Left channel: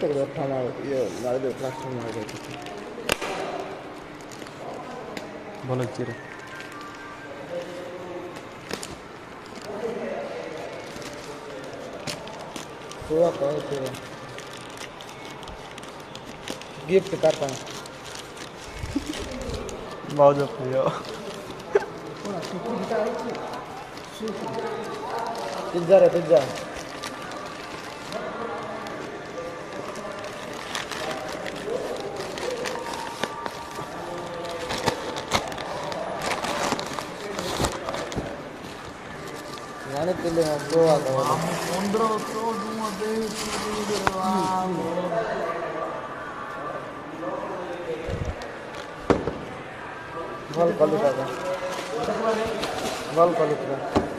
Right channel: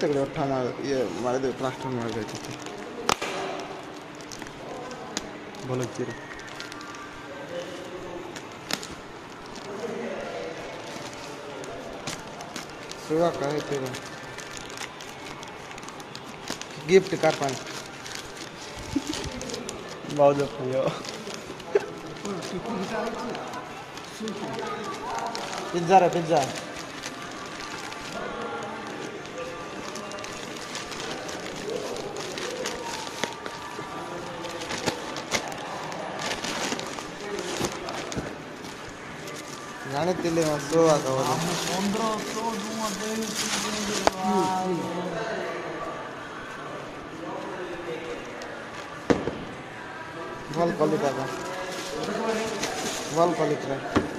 तेरे अट्ठा ये हमारे दो प्लास्टिक में लगे थे बोलो चिरे सेवा कहे तेरा गिफ्ट का पान बाउजो पियो पिज्जा रे पिज्जा नानी तिले में दो आ दो हम 1500 दूंगा दे बोल क्वालिटी बोल क्वालिटी